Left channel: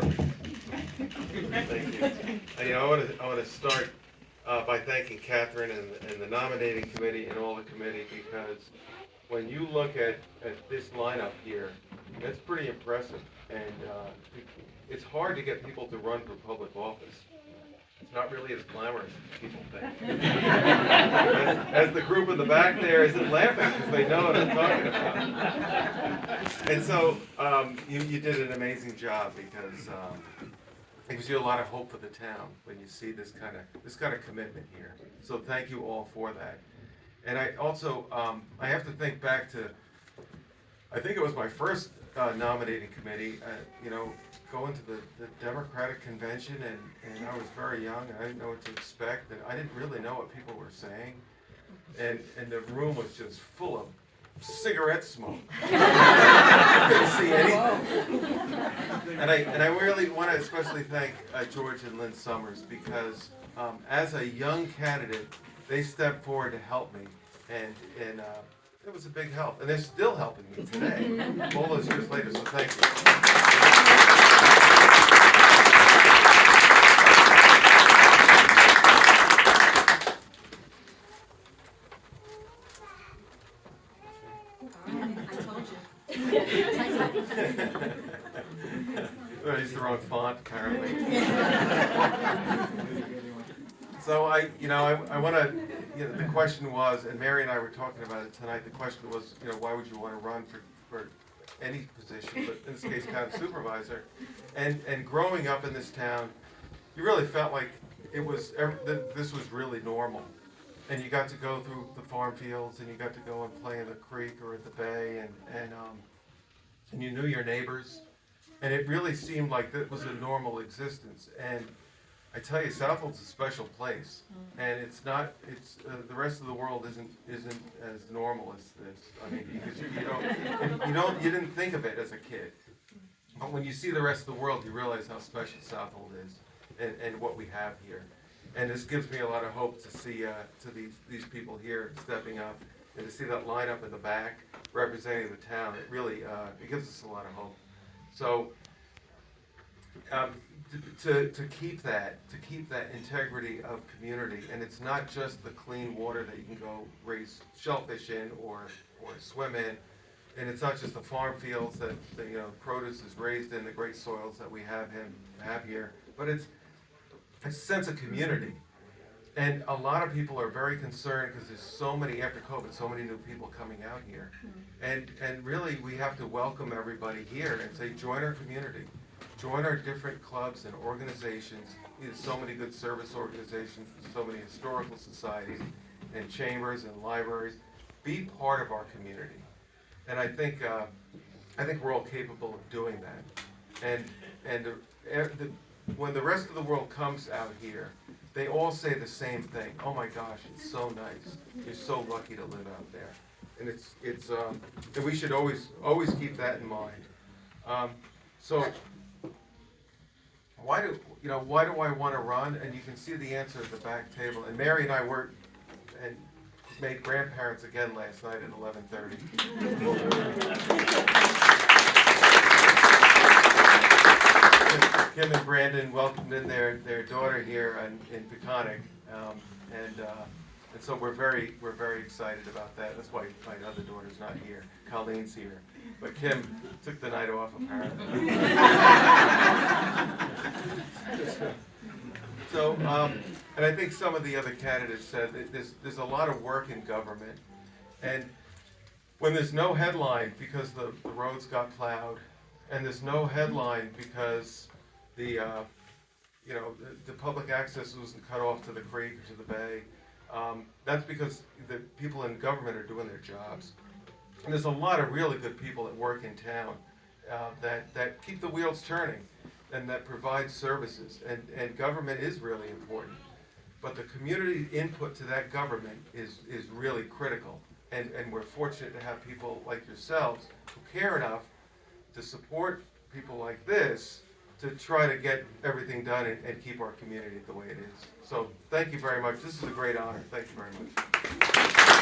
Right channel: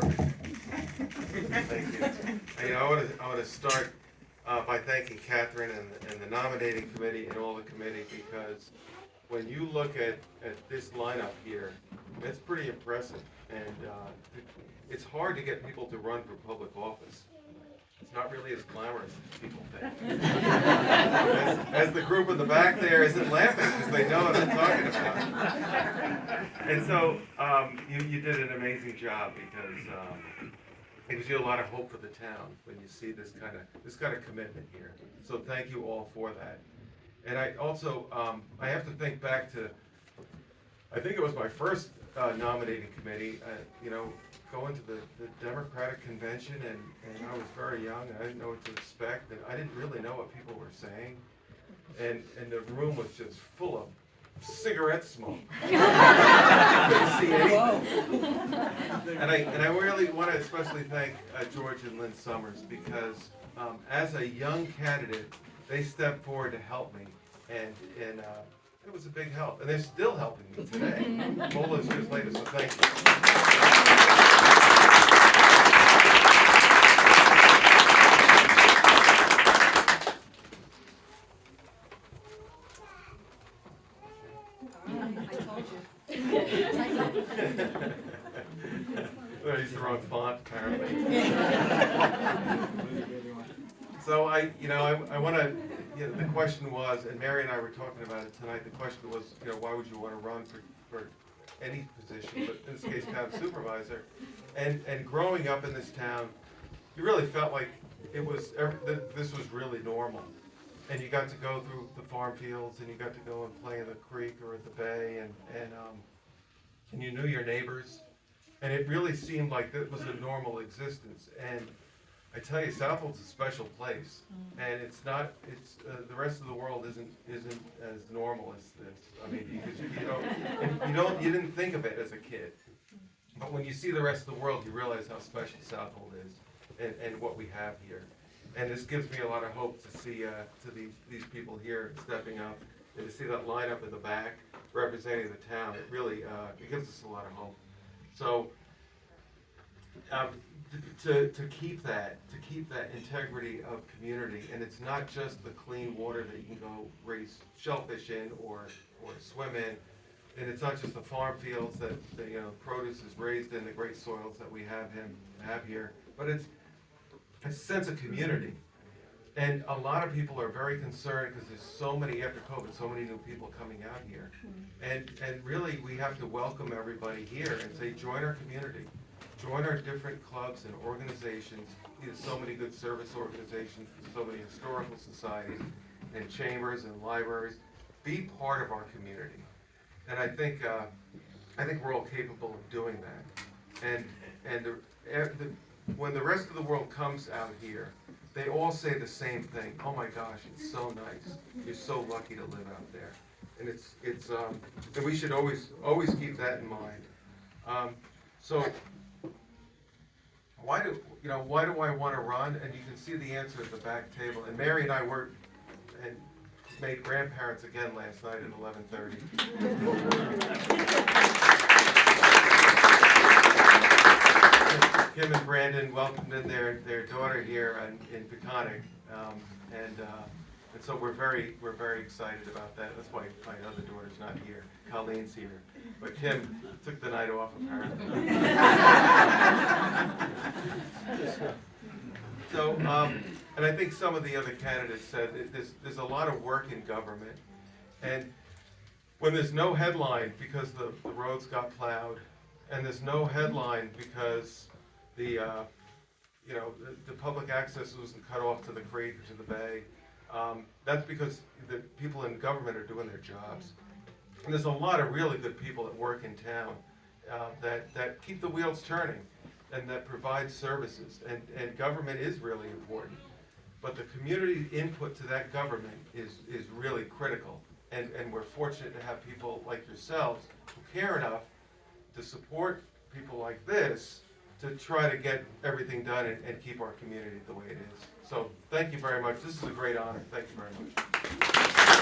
Perfect. Thank you. I want to start by thanking Catherine and the nominating committee and all the committee, because when you look at this lineup here, it's pretty impressive. And it's hard to get people to run for public office. It's not really as glamorous as people think. As the group in the back there isn't laughing because they know what I'm talking about. And so you did an amazing job, because it gives you a lot of hope for the town when you see this kind of commitment here. So thank you all for that. And I also I have to think back to, I think it was my first nominating committee. Going to the Democratic convention, and I was very young, and I didn't know what to expect, and I didn't really know what people were saying, and the room was just full of cigarette smoke. I couldn't see anything. And I really want to especially thank George and Lynn Summers, because as a young candidate, they stepped forward to help me, and it was a big help, and they're still helping me today, all those years later, so thank you. I used the wrong font, apparently. So I want to, the question was, and Mary and I were talking about it tonight, the question was, why would you want to run for any position, but in this case, town supervisor? And growing up in this town, you really felt like this was really normal. And you got to go through the farm fields, and you got to go and play in the creek or at the bay, and you knew your neighbors. And it really seemed like that was a normal existence. And I tell you, Southold's a special place, and the rest of the world isn't as normal as this. I mean, because you didn't think of it as a kid, but when you see the rest of the world, you realize how special Southold is, and what we have here. And this gives me a lot of hope to see these people here stepping up, and to see that lineup in the back representing the town. It really it gives us a lot of hope. So to keep that integrity of community, and it's not just the clean water that you can go raise shellfish in or swim in, and it's not just the farm fields that the produce is raised in, the great soils that we have here, but it's a sense of community. And a lot of people are very concerned because there's so many, after COVID, so many new people coming out here. And really, we have to welcome everybody here and say, join our community. Join our different clubs and organizations. There's so many good service organizations, so many historical societies and chambers and libraries. Be part of our community. And I think we're all capable of doing that. And when the rest of the world comes out here, they all say the same thing. Oh my gosh, it's so nice. You're so lucky to live out there. And and we should always keep that in mind. So why do I want to run? And you can see the answer at the back table. And Mary and I made grandparents again last night at 11:30. Kim and Brandon welcomed in their daughter here in Peconic, and so we're very excited about that. That's why my other daughter's not here. Colleen's here, but Kim took the night off apparently. So, and I think some of the other candidates said that there's a lot of work in government, and when there's no headline because the roads got plowed, and there's no headline because the public access wasn't cut off to the creek or to the bay. That's because the people in government are doing their jobs. And there's a lot of really good people that work in town that keep the wheels turning and that provide services. And government is really important. But the community input to that government is really critical. And we're fortunate to have people like yourselves who care enough to support people like this to try to get everything done and keep our community the way it is. So thank you very much. This is a great honor. Thank you very much.